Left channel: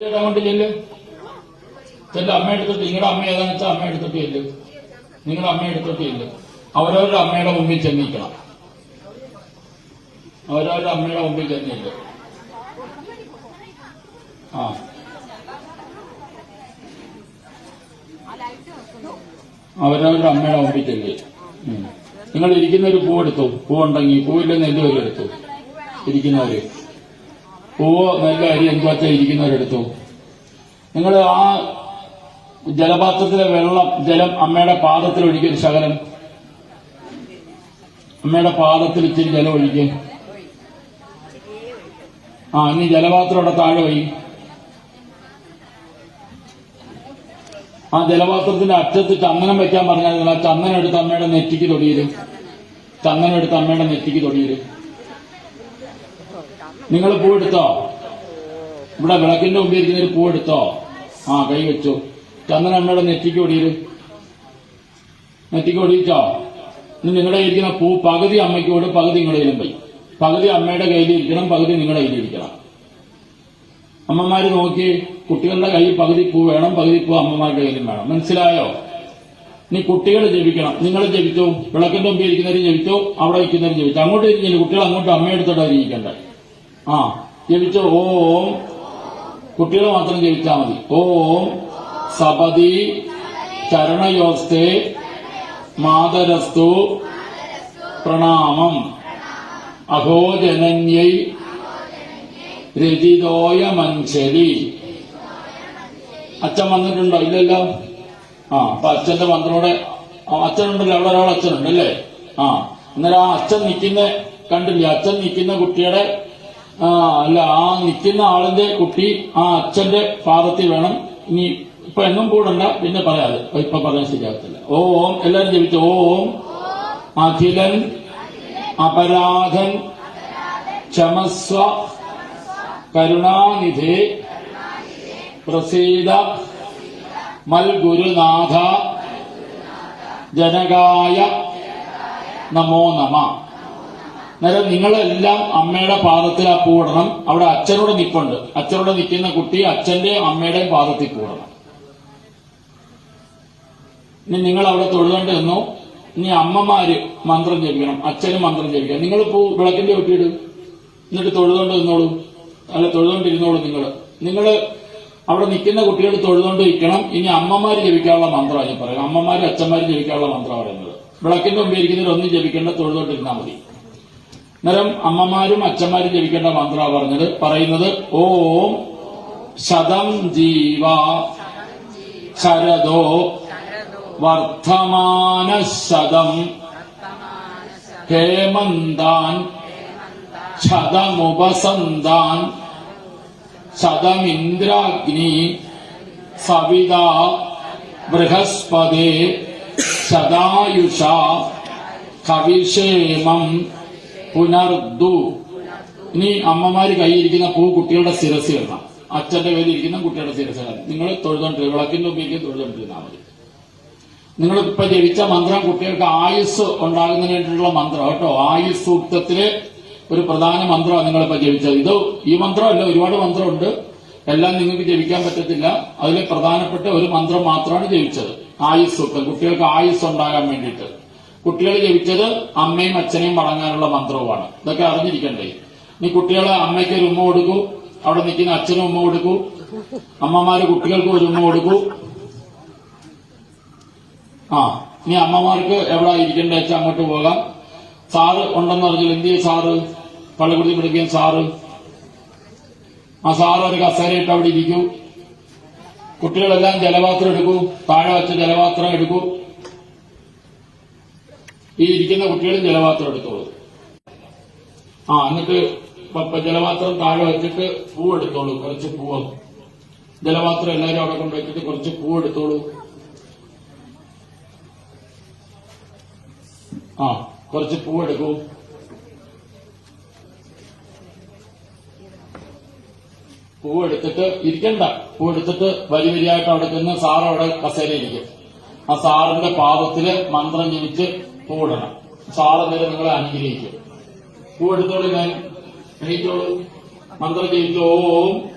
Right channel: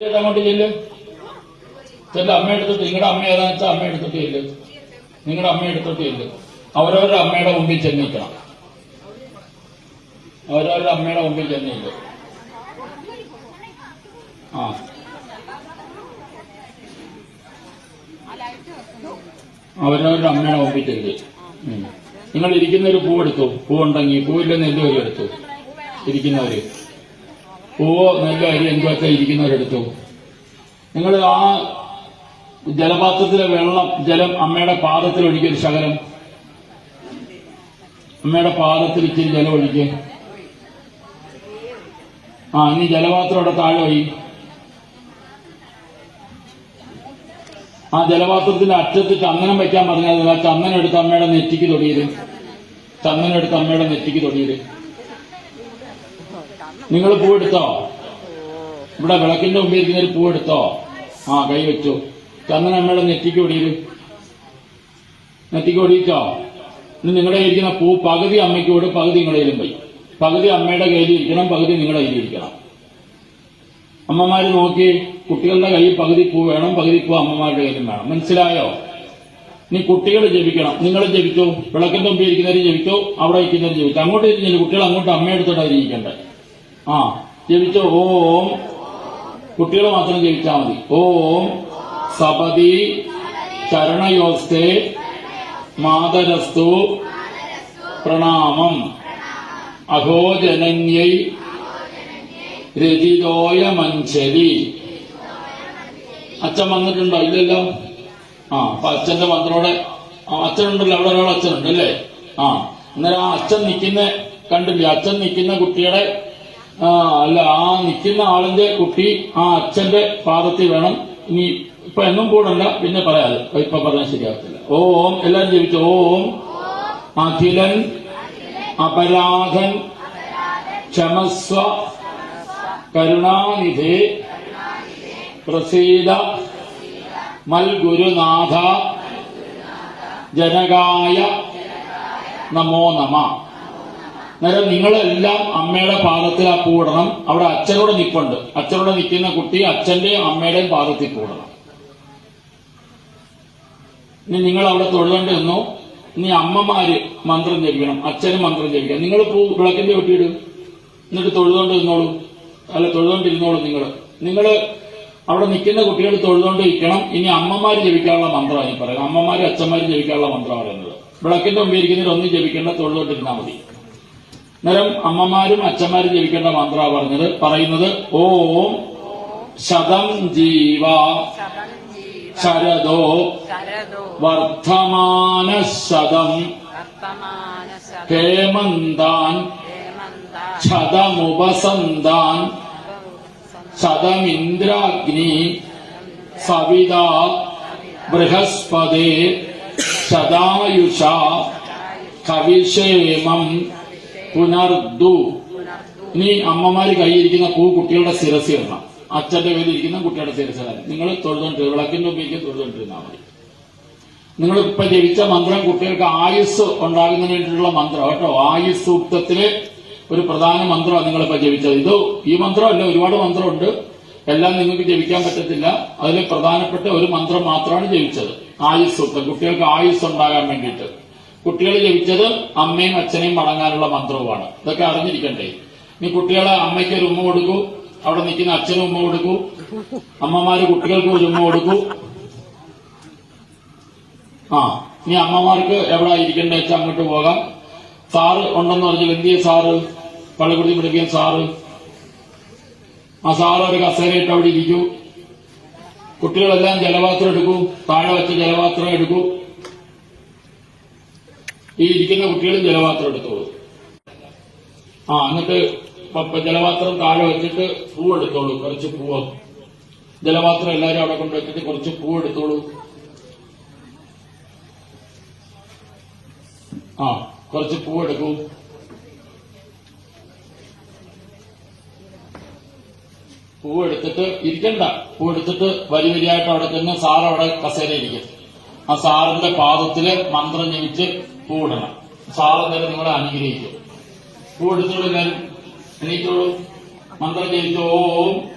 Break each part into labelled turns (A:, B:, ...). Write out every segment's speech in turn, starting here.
A: അങ്ങോട്ട് ചെല്ല് ചെല്ല് അമ്മ എടുത്തിട്ട് നിങ്ങളുടെ അമ്മ ഏതാണെന്ന് വെച്ചാൽ അമ്മ എടുത്തിട്ട് ഇല്ല? നിങ്ങളുടെ അമ്മ എടുത്തിട്ട് ഇല്ല? അവരവരുടെ അമ്മയുടെ മുമ്പിൽ ചെന്നിക്കണം. അവരവരുടെ അമ്മയുടെ മുമ്പിൽ ചെന്നില്ല? ആ. അവരവരുടെ അമ്മയുടെ മുമ്പിൽ ചെല്ലി. നിങ്ങൾ ഇരിക്കുന്നൊരു പൂ എടുത്തു. പൂ ഉണ്ടെങ്കിൽ പൂവില്ലെന്ന് എന്തോ എടുത്തു. ഇരിക്കുന്നവര്. പൂവ് നല്ല അരി എന്തൊക്കെ ഇരിക്കുന്നവരെടുത്തു. നിങ്ങൾ ആ ജലപാത്രത്തിലെ വെള്ളം ജലം അമ്മയുടെ പാദത്തിൽ ഒഴിക്കും ശകലം. അമ്മയുടെ പാദത്തിൽ ഇച്ചിരി ജലം ഒഴിക്കുക ആ ഇനി ജലപാത്രം അവിടെ താഴെ പോയി ആ ജലപാത്രത്തിന്റെ അറ്റത്ത് ചന്ദനം വെക്കാൻ പറഞ്ഞാൽ ചന്ദനം എടുത്ത് അമ്മയുടെ നെറ്റിക്ക് തൊടിയത് ചന്ദനം എടുത്ത് അമ്മയുടെ നെറ്റിക്ക് തൊടിയത് നിങ്ങൾ പൂവെടുത്തോ ഇവിടെ വിളക്കിന്റെ മുമ്പിൽ ഇരിക്കുന്നൊരു പൂവെടുത്തോ ആ കൈ വെച്ചു. കണ്ണൻ അമ്മയുടെ നെറ്റിക്ക് ഓടിയത് നെറ്റിക്ക് നിങ്ങളുടെ ഇരിക്കുന്ന പൂ പകുതി അമ്മയ്ക്ക് കൂടെ പകുതി നിങ്ങളുടെ പോയി. പകുതി അമ്മയുടെ കയ്യിലിരിക്കണം പകുതി നിങ്ങളുടെ കയ്യിലിരിക്കണം അമ്മമാര് നോക്കി കുട്ടികളുടെ കയ്യിൽ പകുതി പൂ വേണം പകുതി പൂ അമ്മമാരുടെ കയ്യിലും വേണം. മനസ്സിലായോ? നീ കുട്ടികൾ ജപിക്കണം. നിങ്ങൾ ജപിച്ചു വിളക്കിന്റെ മുമ്പിൽ ഇരിക്കുന്നവർ ജപിച്ചു അവിടെ വയ്ക്കുന്നവർ ജപിച്ചു അങ്ങോട്ട് ഇരിക്കില്ല കുട്ടികൾ അങ്ങോട്ട് അമ്മയെടുത്തിട്ടാണ് ഇരിക്കണ്ടേ ആ ജപിച്ചു ഓം കുട്ടികൾ മാത്രം ജപിച്ചാൽ മതി. ഓം സപതി ചരണയോസ്തേ മാതരസ്തു പ്രണാമം. അഹോജനന്യൈ രചിതോയ മഞ്ചരി അച്ഛൻ വന്നിട്ടുണ്ടോ? ഇല്ലല്ലോ. ആ അപ്പൊ അച്ഛന്റെ മന്ത്രോടെ അച്ഛനുണ്ടല്ലോ. അവിടെ ഒരാൾ അച്ഛനുണ്ടല്ലേ ആ അന്നേരം ആ അച്ഛൻ നിൽക്കുന്ന കണ്ടില്ലേ? അച്ഛൻ നിൽക്കുന്ന കുട്ടിയുടെ അല്ല ആ നിൽക്കുന്ന ആളിന്റെ കുട്ടി ആ അച്ഛന്റെ പാദത്തിൽ വേണം. ഇനി ഇപ്പൊ എന്നും കൂടണ്ട പിന്നെ പറയാതെ ഇപ്പൊ പറയാൻ ശരിയാകത്തില്ല. ഓം എല്ലാരും ജപിച്ചു. ഓം. അഖിലൻ അപരാധൻ ക്ഷമസ്വ കരുണാനിധി പ്രസീത മൽഗുരുനാഥ ജനകായ നമോ നമ. അന്നേരം നിങ്ങളെല്ലാം അമ്മയുടെ പാദത്തിൽ ആ പൂടണം അവിടെ അച്ഛനോട് നിൽപ്പുണ്ട് അച്ഛനോട് നിൽക്കുന്ന കുട്ടി അച്ഛന്റെയും അമ്മയുടെയും പാദത്തിൽ പൂടണം ഇനി നിങ്ങൾ അവിടെ തൊഴുകേണ്ടി നിന്നു ഇനി അമ്മമാര് മന്ത്രം ജപിക്കണം. അച്ഛനും മന്ത്രം ജപിക്കണം. നിങ്ങൾ പൂ വിളക്കിന്റെ വെട്ടിയിടും എന്നിട്ട് തൊഴുതുകൊണ്ട് നിന്നോളൂ അല്ല തൊഴുതുകൊണ്ടിരുന്നോളൂ നിങ്ങൾ. നിങ്ങൾ അവിടെ നിൽക്കുന്ന കുട്ടികൾ തൊഴുതുകൊണ്ട് ഇരിക്കണം. ഇനി അമ്മമാര് ജപിക്കാനുള്ള മന്ത്രമാണ് ഞാൻ പറയുന്നത്. അമ്മമാരും അച്ഛന്മാരും ജപിക്കാനുള്ള മന്ത്രമാണ് പറയുന്നത്. വിളക്കിന്റെ മുമ്പിൽ ഒന്നും ജപിക്കേണ്ട തൊഴുതുകൊണ്ടിരുന്നാൽ മതി. അന്നേരം അമ്മമാരും അച്ഛന്മാരും ജപിക്കേണ്ട മന്ത്ര പറഞ്ഞത് പറയുന്നത് ഓം ശതം ജീവ ശരദോ വർദ്ധമാന ശതം ഹേമന്താൻ ശതമുപസന്താൻ ശതമിന്ദ്രാഗ്നി സവിത ബൃഹസ്പതി സദായുഷ കവിക്ഷേമം പുനർദു ഇനി അമ്മമാര് കൈയിരിക്കുന്ന പൂ കുട്ടികളുടെ ശിരസ് ഇടണം അച്ഛന്റെ കയ്യിൽ ഇരിക്കുന്ന കുട്ടിയുടെ ശിരസ് ഇടണം നിങ്ങൾ തൊഴുതോണ്ടിരുന്ന വിളക്കിന്റെ ഉപയോഗിക്കും തൊഴുതോണ്ടിരുന്നാൽ മതി. നിങ്ങൾ ഇപ്പൊ ജപിച്ച മന്ത്രം കുട്ടികൾക്ക് ആയുസ് ഉണ്ടാകുന്നതിന് വേണ്ടിയിട്ടുള്ള മന്ത്രം. കേട്ടോ ആയുസ് സൂക്തത്തിലെ ഒരു പ്രധാന മന്ത്രമാണ് നിങ്ങളിപ്പോ ജപിച്ചത്. ഇത് ഈ മന്ത്രം മന്ത്രമല്ല ഒരുപാട് മന്ത്രമുണ്ട്. എല്ലാം നിങ്ങൾക്ക് ജപിക്കാൻ പറ്റത്തില്ല. അതിൽ പ്രധാനപ്പെട്ട ഒരു മന്ത്രം മാത്രമാണ് ജപിച്ചത്. ആയുസ് സൂക്തം കുട്ടികൾക്ക് ആയുസ് ഉണ്ടാകാൻ വേണ്ടിയിട്ട്. കുട്ടികൾ ജനിച്ചത് അമ്മയും അച്ഛനെയും വണങ്ങാനുള്ള മന്ത്രവുമാണ്. ഇതൊക്കെ അറിഞ്ഞിരിക്കണ്ടേ? നീ കുട്ടികളെ അമ്മയ്ക്ക് ഒരു ഉമ്മ കൊടുക്കൂ അവിടെ നിൽക്കുന്ന അച്ഛനും ഉമ്മ കൊടുക്കൂ അമ്മമാര് കുട്ടികൾക്ക് ഒരു ഉമ്മ കൊടുക്കൂ. ആ നീ അമ്മമാർക്ക് എവിടെ ഇരിക്കണ്ടേ വെച്ചാൽ അങ്ങോട്ട് പോകാം. സാറ് ഉണ്ടെന്ന് പറഞ്ഞാൽ എന്ത് ചെയ്യും സാറ്? കള്ളുകുടി മുടക്കിയ സാറ്. ആ സാറ് ഒരു കസേരയിട്ട് അവിടെ ഇരിക്കൂ. കുട്ടികളെല്ലാം ജലപാത്രം എടുക്കൂ താഴെ വെച്ച ജലപാത്രം എടുക്കൂ. ഈ ഇരിക്കുന്ന കുട്ടികൾ ജലപാത്രം എടുത്തോളൂ. ആ എന്നിട്ട് ജലപാത്രം താഴെ വെച്ചിട്ട് പൂ എടുത്തോളൂ. കുറച്ച് പൂവ്. ജലപാത്രം എല്ലാവരും അവിടെ കൊണ്ട് വെച്ചിട്ട് കുറച്ച് പൂ എടുത്തോളൂ. ആ കുറച്ച് പൂ എടുക്കൂ. പൂ എടുത്തിട്ട് ഇരിക്കണ്ട. പൂ എടുത്തിട്ട് വരി വരിയായിട്ട് അവിടെ ചെന്ന് സാർ അവിടെ കസേരയിരിക്കും ആ സാറിന്റെ പാദത്തിൽ മന്ത്രം ജനിച്ച് പൂ ഇടണം സാറ് നേരെ നിങ്ങളെ അനുഗ്രഹിക്കും. പൂ എടുത്തോളൂ ഞാൻ എണീക്കോളൂ മന്ത്രം ജനിച്ചു ഓം.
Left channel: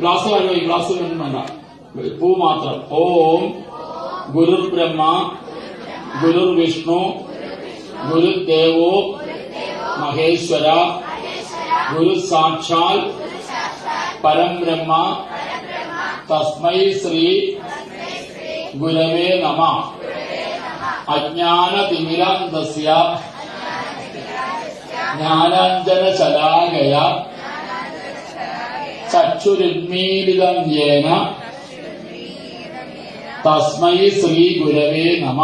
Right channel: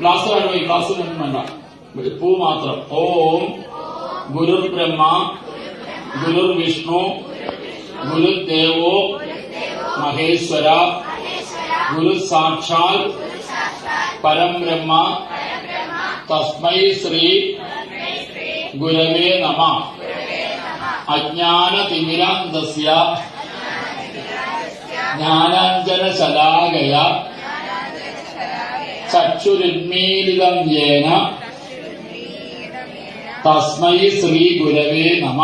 A: ഗ്ലാസ് വേണോ ഈ ഗ്ലാസ് വേണ്ട. പൂ മാത്രം. ഓം. ഗുരു ബ്രഹ്മ ഗുരു വിഷ്ണു ഗുരുദേവോ. മഹേശ്വര. ഗുരു സാക്ഷാൽ പരം ബ്രഹ്മ തസ്മൈ ശ്രീ. ഗുരവേ നമ. അജ്ഞാന തിമിരാന്തസ്യ ജ്ഞാനാഞ്ജനശലാകയ. ചക്ഷുരുന്മീലിതം യേന തസ്മൈ ശ്രീ ഗുരവേ നമ.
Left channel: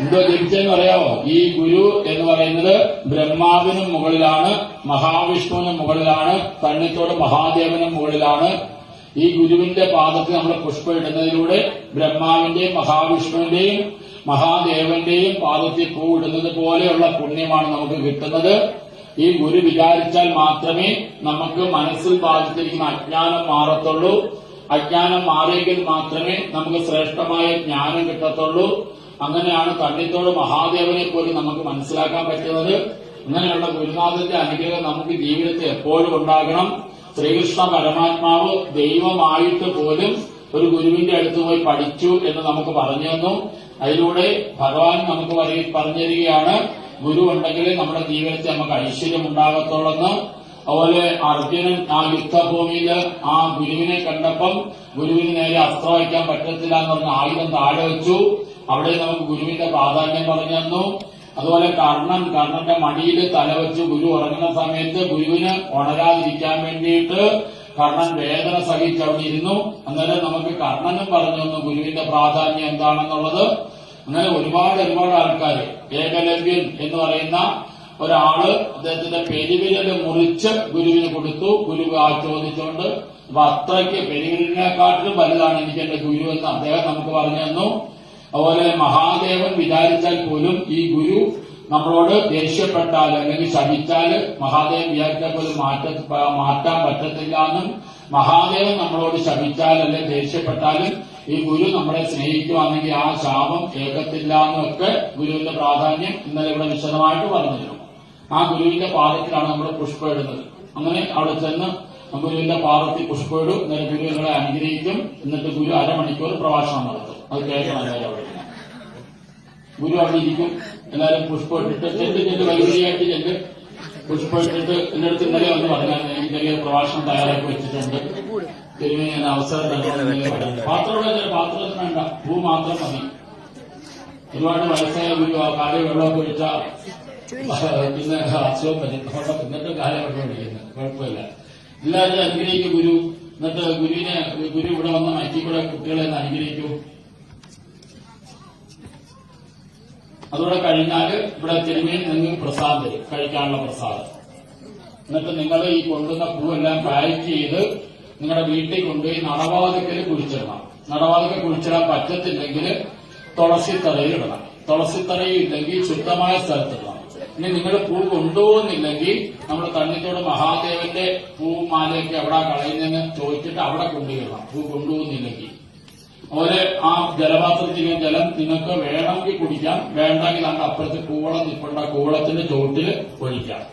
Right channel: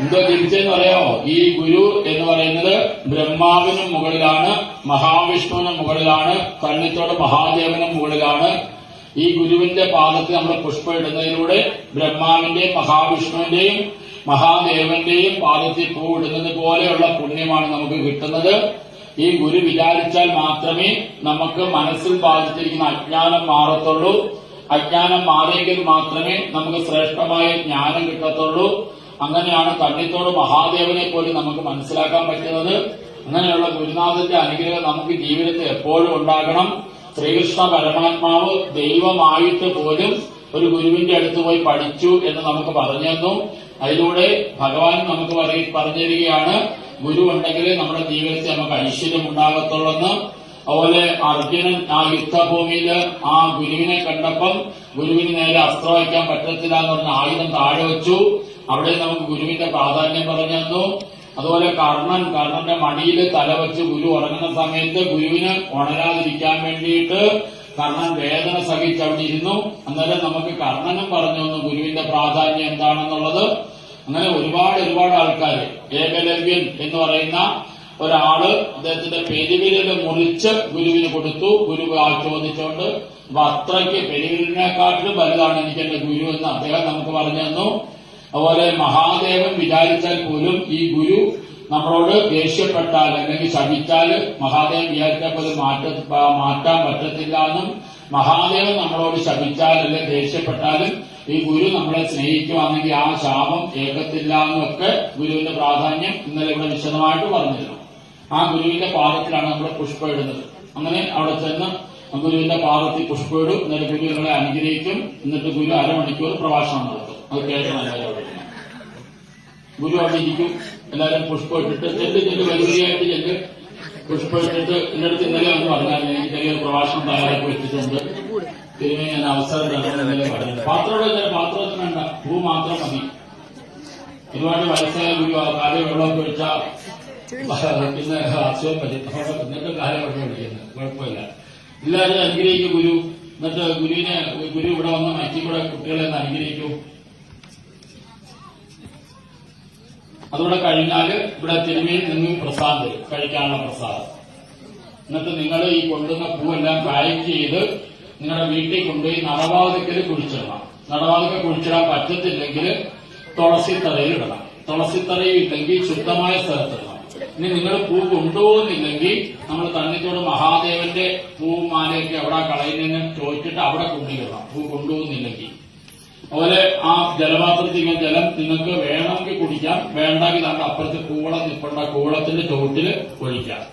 A: എന്തോ തിരിച്ചെന്ന് പറയാമോ ഈ ഗുരു എന്ന് പറയുന്നത് ബ്രഹ്മാവിനും മുകളിലാണ് മഹാവിഷ്ണുവിനും മുകളിലാണ് കണ്ണിത്തോട് മഹാദേവനും മുകളിലാണ് ഈ ഗുരുവിന്റെ പാദത്തിൽ നമ്മൾ പുഷ്പം ഇടുന്നതിലൂടെ ബ്രഹ്മാവിന്റെയും മഹാവിഷ്ണുവിന്റെയും മഹാദേവന്റെയും പാദത്തിൽ പൂ ഇടുന്നത് പോലെയുള്ള പുണ്യമാണ് നമുക്ക് കിട്ടുന്നത്. ഈ ഗുരു വിചാരിച്ചാൽ മാത്രമേ നമുക്ക് മനസ്സിൽ ബാധിച്ചിരിക്കുന്ന അജ്ഞാനം മാറത്തുള്ളൂ. അജ്ഞാനം മാറിയെങ്കിൽ മാത്രമേ നമുക്ക് ശ്രേഷ്ഠമായ ജ്ഞാനം കിട്ടത്തുള്ളൂ. അങ്ങനെയാണ് കണ്ണിത്തോട് മഹാദേവനെ പോലും നമുക്ക് മനസ്സിലാക്കാൻ പറ്റുന്നത്. അങ്ങനെയുള്ള ഗുരുനാഥന്റെ അനുഗ്രഹം നമുക്ക് ജീവിതത്തിൽ എപ്പോഴും ഉണ്ടാകണം. ശ്രീകൃഷ്ണ പരമാത്മാവ് ദൈവമായിട്ട് പോലും ഒരു ഗുരുവിന്റെ അടുത്ത് പോയി പഠിച്ചു എന്ന് നമുക്ക് പറഞ്ഞു അതിലൂടെ ഭഗവാൻ നമുക്ക് പറഞ്ഞിരിക്കുകയാണ് ഗുരു ഉണ്ടെങ്കിൽ നമ്മുടെ ജീവിതത്തിൽ നമുക്ക് ഐശ്വര്യം ഉണ്ടാകത്തുള്ളെന്ന്. അതുപോലെ അർജുനൻ ആ യുദ്ധഭൂമിയിൽ ആ ഗുരുവിനെ കണ്ടപ്പം ഗുരുവിന് നേരെ അസ്ത്രം വയ്ക്കാൻ പറ്റത്തില്ല എന്ന് പറഞ്ഞ ആയുധം താഴെ വെച്ചു. അവിടെ നമുക്ക് ഗുരുവിന്റെ പ്രാധാന്യം പറഞ്ഞു തന്നു അതുപോലെ കർണൻ കർണന്റെ മടിയിൽ തലവെച്ച് ഗുരു ഉറങ്ങുന്ന സമയത്ത് ഗുരുവിന് ഉണരാതിരിക്കാൻ വേണ്ടിയിട്ട് കർണൻ വേദന സഹിച്ച് അവിടെ ഇരുന്നു. അന്നേരം നമുക്ക് കർണനും പറഞ്ഞു തന്നു ഗുരുവിന്റെ പ്രാധാന്യം എന്താണെന്നുള്ളത്. അങ്ങനെ ഒരുപാട് ഒരുപാട് ആൾക്കാർ ഏകലവ്യൻ എന്ന് പറയുന്ന ഒരാൾ അദ്ദേഹത്തിന്റെ പെരുവിരൽ മുറിച്ച് ഗുരുവിന് കൊടുത്തു. ഗുരു ചോദിച്ചുകൊണ്ട് അപ്പൊ അത്രയ്ക്ക് പെരുവിരലിനെക്കാട്ടിലും വലുതാണ് എനിക്ക് എന്റെ ഗുരു എന്ന് അദ്ദേഹം നമുക്ക് പറഞ്ഞു തന്നു. അതുപോലെ മഹാദേവൻ വിചാരിച്ചാൽ പോലും ഈ ഗുരു നമ്മളോട് ദേഷ്യപ്പെട്ടാൽ അല്ലെങ്കിൽ ശമിച്ചാൽ മഹാദേവൻ വിചാരിച്ചാൽ പോലും മാറ്റ മാറ്റാൻ പറ്റത്തില്ല എന്നും മഹാദേവൻ നമ്മളോട് ശമിച്ചാൽ അല്ലെങ്കിൽ ദേഷ്യപ്പെട്ടാലും ഈ ഗുരു നമ്മളെ സ്നേഹിക്കുവാണെങ്കിൽ ആ ശാപം കേൾക്കത്തില്ല എന്നൊക്കെ ഗുരുവിന്റെ പ്രാധാന്യം ഇന്നലെ ഇവിടെ വിശദമായിട്ട് പറഞ്ഞിരുന്നു. ആ ഗുരുവിന്റെ പാദത്തിലാണ് നമ്മൾ പുഷ്പം ഇടുന്നത് അങ്ങനെ അവിടെ ചെന്ന് ഗുരുവിന്റെ പാദത്തിൽ പുഷ്പം ഇടും ഗുരു നമ്മളെ അനുഗ്രഹിക്കും. എന്നിട്ട് ഗുരു അരമണിക്കൂർ പ്രഭാഷണം നടത്തും. അത് എല്ലാവരും ഗുരു അവിടെ ഇരിക്കും. എല്ലാവരും പുഷ്പം ഇട്ടിട്ട് ചെല്ല് ചെല്ല് വലിയായിട്ട് ചെല്ല് പുഷ്പം ഇട്ടിട്ട് എന്നിടത്ത് ഇന്നലെ ഒന്ന് പറഞ്ഞാൽ ഇന്നലെ ഒരു പ്രഭാഷണം തയ്യാറാക്കി വെച്ചിട്ടുണ്ട്. തിരുമേ ഞാൻ അവസരം തരണം ഇന്നലെ പറഞ്ഞു പാത്രം ചില പാത്രത്തിന് വേണ്ട. പൂ മാത്രം മതി. ഒരുപാട് വയസ്സായ ഗുരു ആ കാര്യം വെള്ളമൊക്കെ ഒഴിച്ചാൽ ഇന്ന് അസുഖം കുഴപ്പമില്ല. എല്ലാവരും അനുഗ്രഹിക്കും ഗുരു. എന്നിട്ട് ഗുരുവിനെ ഗുരു ഇവിടെ വന്ന് മറ്റു കൂടെ കുട്ടികളെ ഒന്ന് അനുഗ്രഹിക്കൂ. അതുകൂടെ കഴിഞ്ഞാൽ ഇവിടെ തിരുമേൽ നിന്ന് പ്രസാദം കഴിക്കാനുള്ള പ്രസാദം. എന്നിട്ട് നിങ്ങൾ ഈ കൊണ്ടുവന്ന പൂവെല്ലാം പാക്ക് ചെയ്ത് നിങ്ങളുടെ വീട്ടിൽ കൊണ്ടുപോയി നടവാതക്കൽ കുഴിച്ചിടണം. നടവാതക്ക കുഴിച്ചിടാൻ പറ്റത്തില്ലെങ്കിൽ തുളസിത്തറയിൽ ഇടണം. തുളസിത്തറയിൽ ഇല്ലെങ്കിൽ ശുദ്ധമായ സ്ഥലത്തിടണം ഇനി നിങ്ങൾ പൂ കൊണ്ടുപോകുന്നില്ലെങ്കിൽ നമ്മൾ തണ്ണിത്തോട് മഹാദേവന്റെ പൂവും മാലയൊക്കെ അവിടെ കളയുന്നതിന് ചോദിച്ചിട്ട് അവിടെ കൊണ്ടുവരണം. പൂ കൊണ്ടുപോകുന്നില്ലെങ്കിൽ. അതുപോലെ ആ ജലപാത്രത്തിൽ ജലം നിങ്ങൾക്ക് വേണമെങ്കിൽ കുടിക്കാം. വേണ്ടെങ്കിൽ നമ്മുടെ അപ്പുറത്ത് കൂവളം നിൽക്കേണ്ട കൂവളത്തിന്റെ ചോട്ടിൽ ഒഴിക്കാം.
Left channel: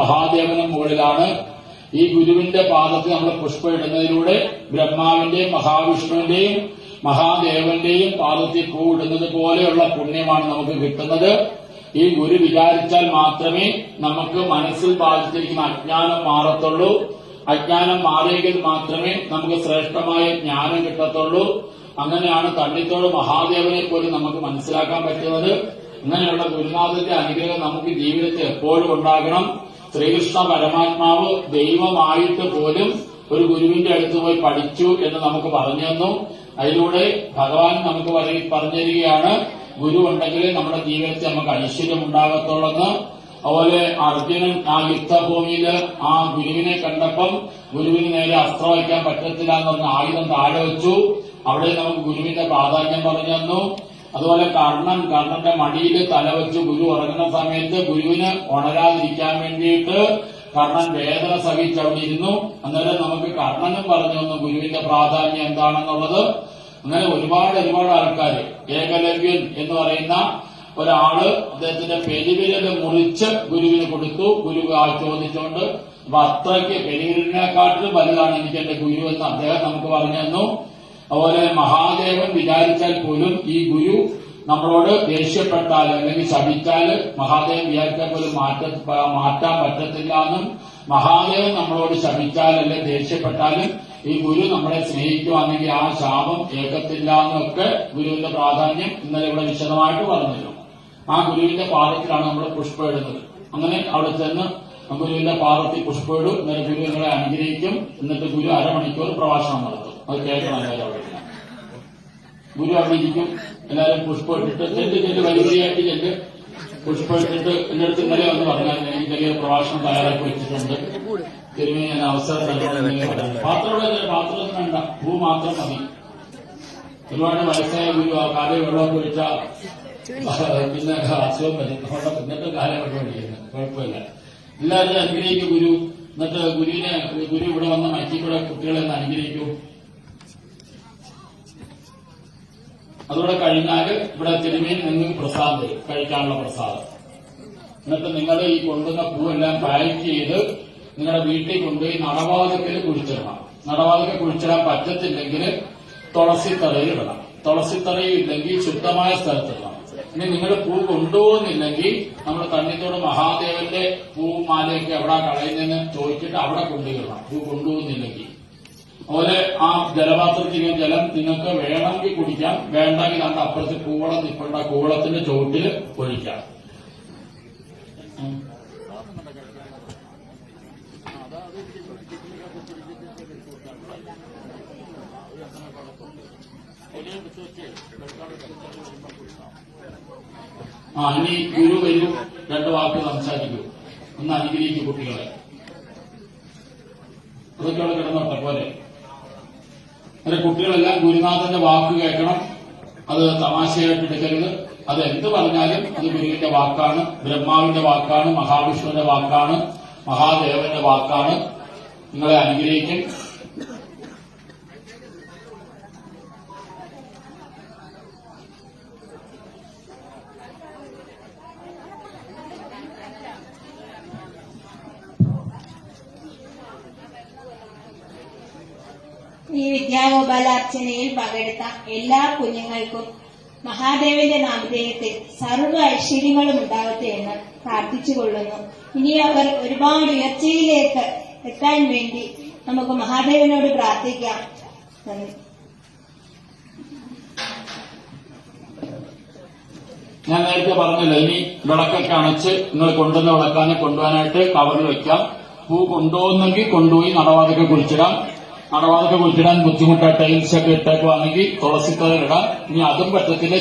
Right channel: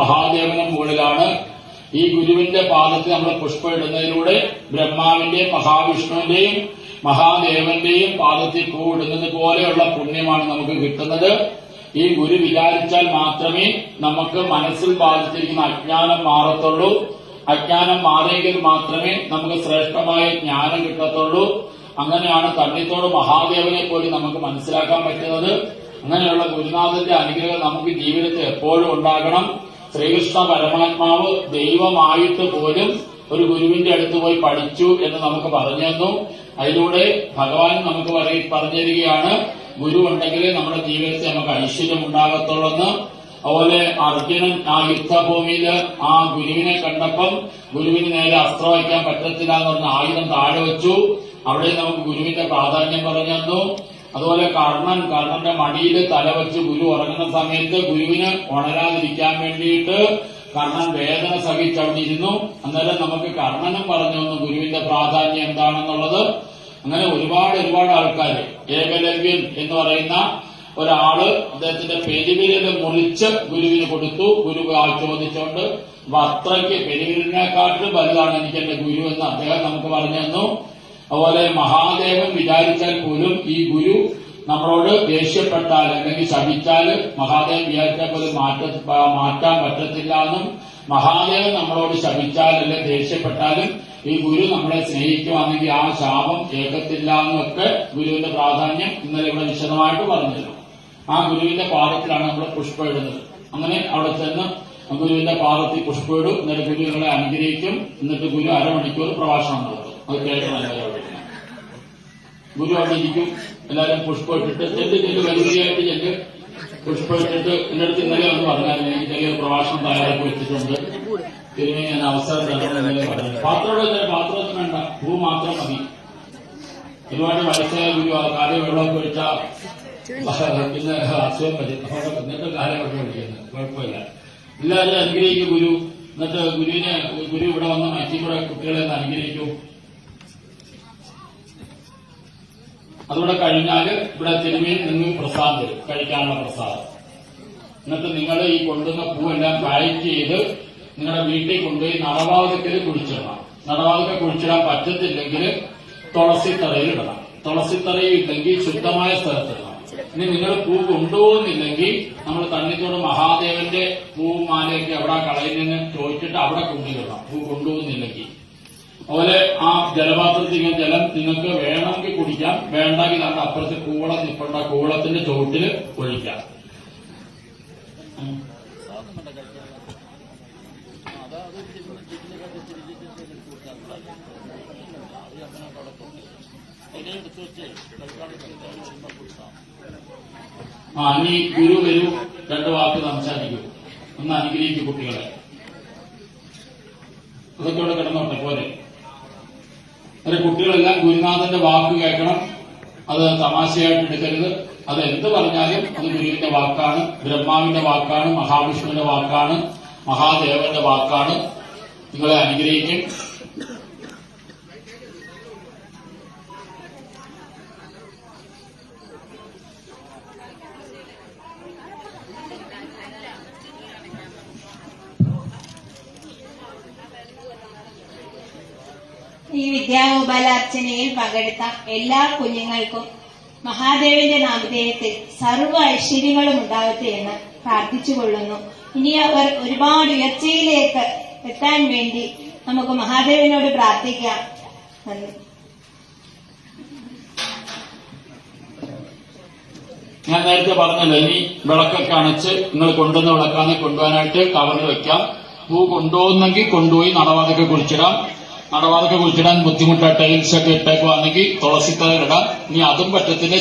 A: മഹാദേവന മുകളിലാണ് ഈ ഗുരുവിന്റെ പാദത്തിൽ നമ്മൾ പുഷ്പം ഇടുന്നതിലൂടെ ബ്രഹ്മാവിന്റെയും മഹാവിഷ്ണുവിന്റെയും മഹാദേവന്റെയും പാദത്തിൽ പൂ ഇടുന്നത് പോലെയുള്ള പുണ്യമാണ് നമുക്ക് കിട്ടുന്നത്. ഈ ഗുരു വിചാരിച്ചാൽ മാത്രമേ നമുക്ക് മനസ്സിൽ ബാധിച്ചിരിക്കുന്ന അജ്ഞാനം മാറത്തുള്ളൂ. അജ്ഞാനം മാറിയെങ്കിൽ മാത്രമേ നമുക്ക് ശ്രേഷ്ഠമായ ജ്ഞാനം കിട്ടത്തുള്ളൂ. അങ്ങനെയാണ് തണ്ണിത്തോട് മഹാദേവനെ പോലും നമുക്ക് മനസ്സിലാക്കാൻ പറ്റുന്നത്. അങ്ങനെയുള്ള ഗുരുനാഥന്റെ അനുഗ്രഹം നമുക്ക് ജീവിതത്തിൽ എപ്പോഴും ഉണ്ടാകണം. ശ്രീകൃഷ്ണ പരമാത്മാവ് ദൈവമായിട്ട് പോലും ഒരു ഗുരുവിന്റെ അടുത്ത് പോയി പഠിച്ചു എന്ന് നമുക്ക് പറഞ്ഞു തന്നു. അതിലൂടെ ഭഗവാൻ നമുക്ക് പറഞ്ഞു തരികയാണ് ഗുരു ഉണ്ടെങ്കിലേ നമ്മുടെ ജീവിതത്തിൽ നമുക്ക് ഐശ്വര്യം ഉണ്ടാകത്തുള്ളെന്ന്. അതുപോലെ അർജുനൻ ആ യുദ്ധഭൂമിയിൽ ആ ഗുരുവിനെ കണ്ടപ്പം ഗുരുവിന് നേരെ അസ്ത്രം വയ്ക്കാൻ പറ്റത്തില്ല എന്ന് പറഞ്ഞ ആയുധം താഴെ വെച്ചു. അവിടെ നമുക്ക് ഗുരുവിന്റെ പ്രാധാന്യം പറഞ്ഞു തന്നു. അതുപോലെ കർണൻ കർണന്റെ മടിയിൽ തലവെച്ച് ഗുരു ഉറങ്ങുന്ന സമയത്ത് ഗുരുവിന് ഉണരാതിരിക്കാൻ വേണ്ടിയിട്ട് കർണൻ വേദന സഹിച്ചവിടെ ഇരുന്നു. അന്നേരം നമുക്ക് കർണനും പറഞ്ഞു തന്നു ഗുരുവിന്റെ പ്രാധാന്യം എന്താണെന്നുള്ളത്. അങ്ങനെ ഒരുപാട് ഒരുപാട് ആൾക്കാർ ഏകലവ്യൻ എന്ന് പറയുന്ന ഒരാൾ അദ്ദേഹത്തിന്റെ പെരുവിരൽ മുറിച്ച് ഗുരുവിന് കൊടുത്തു. ഗുരു ചോദിച്ചോണ്ട് അപ്പൊ അത്രയ്ക്ക് പെരുവിരലിനെക്കാട്ടിലും വലുതാണ് എനിക്ക് എന്റെ ഗുരു എന്ന് അദ്ദേഹം നമുക്ക് പറഞ്ഞു തന്നു. അതുപോലെ മഹാദേവൻ വിചാരിച്ചാൽ പോലും ഈ ഗുരു നമ്മളോട് ദേഷ്യപ്പെട്ടാൽ അല്ലെങ്കിൽ ശപിച്ചാൽ മഹാദേവൻ വിചാരിച്ച പോലും മാറ്റ മാറ്റാൻ പറ്റത്തില്ല എന്നും മഹാദേവൻ നമ്മളോട് ശപിച്ചാൽ അല്ലെങ്കിൽ ദേഷ്യപ്പെട്ടാലും ഈ ഗുരു നമ്മളെ സ്നേഹിക്കുവാണെങ്കിൽ ആ ശാപം ഏകത്തില്ല എന്നൊക്കെ ഗുരുവിന്റെ പ്രാധാന്യം ഇന്നലെ ഇവിടെ വിശദമായിട്ട് പറഞ്ഞിരുന്നു. ആ ഗുരുവിന്റെ പാദത്തിലാണ് നമ്മൾ പുഷ്പം ഇടുന്നത്. അങ്ങനെ അവിടെ ചെന്ന് ഗുരുവിന്റെ പാദത്തിൽ പുഷ്പം ഇടും. എന്നിട്ട് ഗുരു നിങ്ങളെ അനുഗ്രഹിക്കും. എന്നിട്ട് ഗുരു അരമണിക്കൂർ പ്രഭാഷണം നടത്തും. അത് കേൾക്കാൻ ഗുരു അവിടെ ഇരിക്കും. എല്ലാവരും പുഷ്പം ഇട്ടിട്ട് ചെല്ല് ഇന്നടത്ത് പുഷ്പം ഇട്ടിട്ട് എന്റെ അടുത്ത് ഇന്നലെ ഒന്ന് പറഞ്ഞായിരുന്നു ഈ ചെറിയ പ്രഭാഷണം തയ്യാറാക്കി വെച്ചിട്ടുണ്ട്. പിന്നെ ഞാൻ അവസരം തരണം ഇന്നലെ പറഞ്ഞു. പാത്രം പാത്രത്തിന് വേണ്ട പൂ മാത്രം മതി. ഒരുപാട് വയസ്സായ ആ കാലം വെള്ളമൊക്കെ ഒഴിച്ചാൽ പിന്നെ അസുഖം വരും. അപ്പൊ ഇന്നത്തെ കാലഘട്ടം വിളിക്കുന്നത് കുഴപ്പമില്ല. എല്ലാവരും അനുഗ്രഹിക്കും ഗുരു. എന്നിട്ട് ഗുരുവിനെ ഗുരു ഇവിടെ വന്ന് മറ്റിക്കൂടെ കുട്ടികളെ അനുഗ്രഹിക്കൂ. അതുകൂടെ കഴിഞ്ഞാൽ ഇവിടെ തിരുമീൻ എന്ന് പ്രസാദം തരും കഴിക്കാനുള്ള പ്രസാദം. എന്നിട്ട് നിങ്ങൾ ഈ കൊണ്ടുവന്ന പൂവെല്ലാം പാക്ക് ചെയ്ത് നിങ്ങളുടെ വീട്ടിൽ കൊണ്ടുപോയി നടവാതത്തിൽ കുഴിച്ചിടണം. നടവാതത്തിൽ കുഴിച്ചിടാൻ പറ്റത്തില്ലെങ്കിൽ തുളസിത്തറയിൽ ഇടണം. തുളസിത്തറയിൽ ഇല്ലെങ്കിൽ ശുദ്ധമായ സ്ഥലത്തിടണം ഇനി നിങ്ങൾ പൂ കൊണ്ടുപോകുന്നില്ലെങ്കിൽ നമ്മൾ തണ്ണിത്തോട് മഹാദേവന്റെ പൂവും മാലയൊക്കെ എവിടെ കളയുന്നതെന്ന് ചോദിച്ചിട്ട് അവിടെ കൊണ്ടുവരണം. പൂ കൊണ്ടുപോകുന്നില്ലെങ്കിൽ. അതുപോലെ ആ ജലപാത്രത്തിൽ ജലം നിങ്ങൾക്ക് വേണമെങ്കിൽ കുടിക്കാം. വേണ്ടെങ്കിൽ അത് അപ്പുറത്ത് കൂളം നിൽക്കേണ്ട കൂളത്തിന്റെ ചുവട്ടിൽ ഒഴിക്കാം. ആ ഇനി ഗുരു വരൂ. രണ്ട് വാക്ക് സംസാരിക്കൂ. ഒന്ന് അനുഗ്രഹിക്കും കുട്ടികളെ. ഇതൊക്കെ അവിടെ കിടന്നോട്ടെ പോലെ. അങ്ങനെ കുട്ടികളെല്ലാം ഗുരുനാഥന്റെ വാക്ക് കേൾക്കണം. അത് തമാശയായിട്ട് എടുക്കരുത്. അത് എന്ത് പറഞ്ഞാലും അത് ഗുരുവിന്റെ വാക്കാണ് ബ്രഹ്മാവിന്റെ വാക്കാണ് മഹാവിഷ്ണുവിന്റെ വാക്കാണ് മഹാദേവന്റെ വാക്കാണ്. നിങ്ങളെ അനുഗ്രഹിക്കും.
B: ഈ വിദ്യാഗോപാലാർച്ചനയിൽ പങ്കെടുത്ത എല്ലാ കുഞ്ഞുങ്ങൾക്കും മഹാദേവന്റെ നാമധേയത്തിൽ സർവ ഐശ്വര്യങ്ങളും ഉണ്ടാകട്ടെ എന്ന് പ്രാർത്ഥിച്ചുകൊള്ളുന്നു. ഇനി അവർ ഒരുപാട് ഉയർച്ചയിലേക്ക് എത്താൻ വേണ്ടി നമുക്ക് മഹാദേവനോട് പ്രാർത്ഥിക്കാം.
A: ഞാൻ നേരത്തെ പറഞ്ഞല്ലോ ഇനി വിളക്കൊക്കെ അണച്ച് നിങ്ങൾ കൊണ്ടുവന്ന വിളക്കാനെ കൊണ്ടുപോകാനായിട്ട് കവറിൽ വെക്കാം. പൂ കൊണ്ടുപോകുന്നെങ്കിൽ കൊണ്ടുപോയി നടവാതൊക്കെ കുഴിച്ചിടാം നടവാതൊക്കെ കുഴിച്ചിടാൻ ബുദ്ധിമുട്ടാണ് ടൈൽസ് ഒക്കെ ഇട്ടേക്കുവാണെങ്കിൽ ഇടാം ഇനി അതും പറ്റത്തില്ല.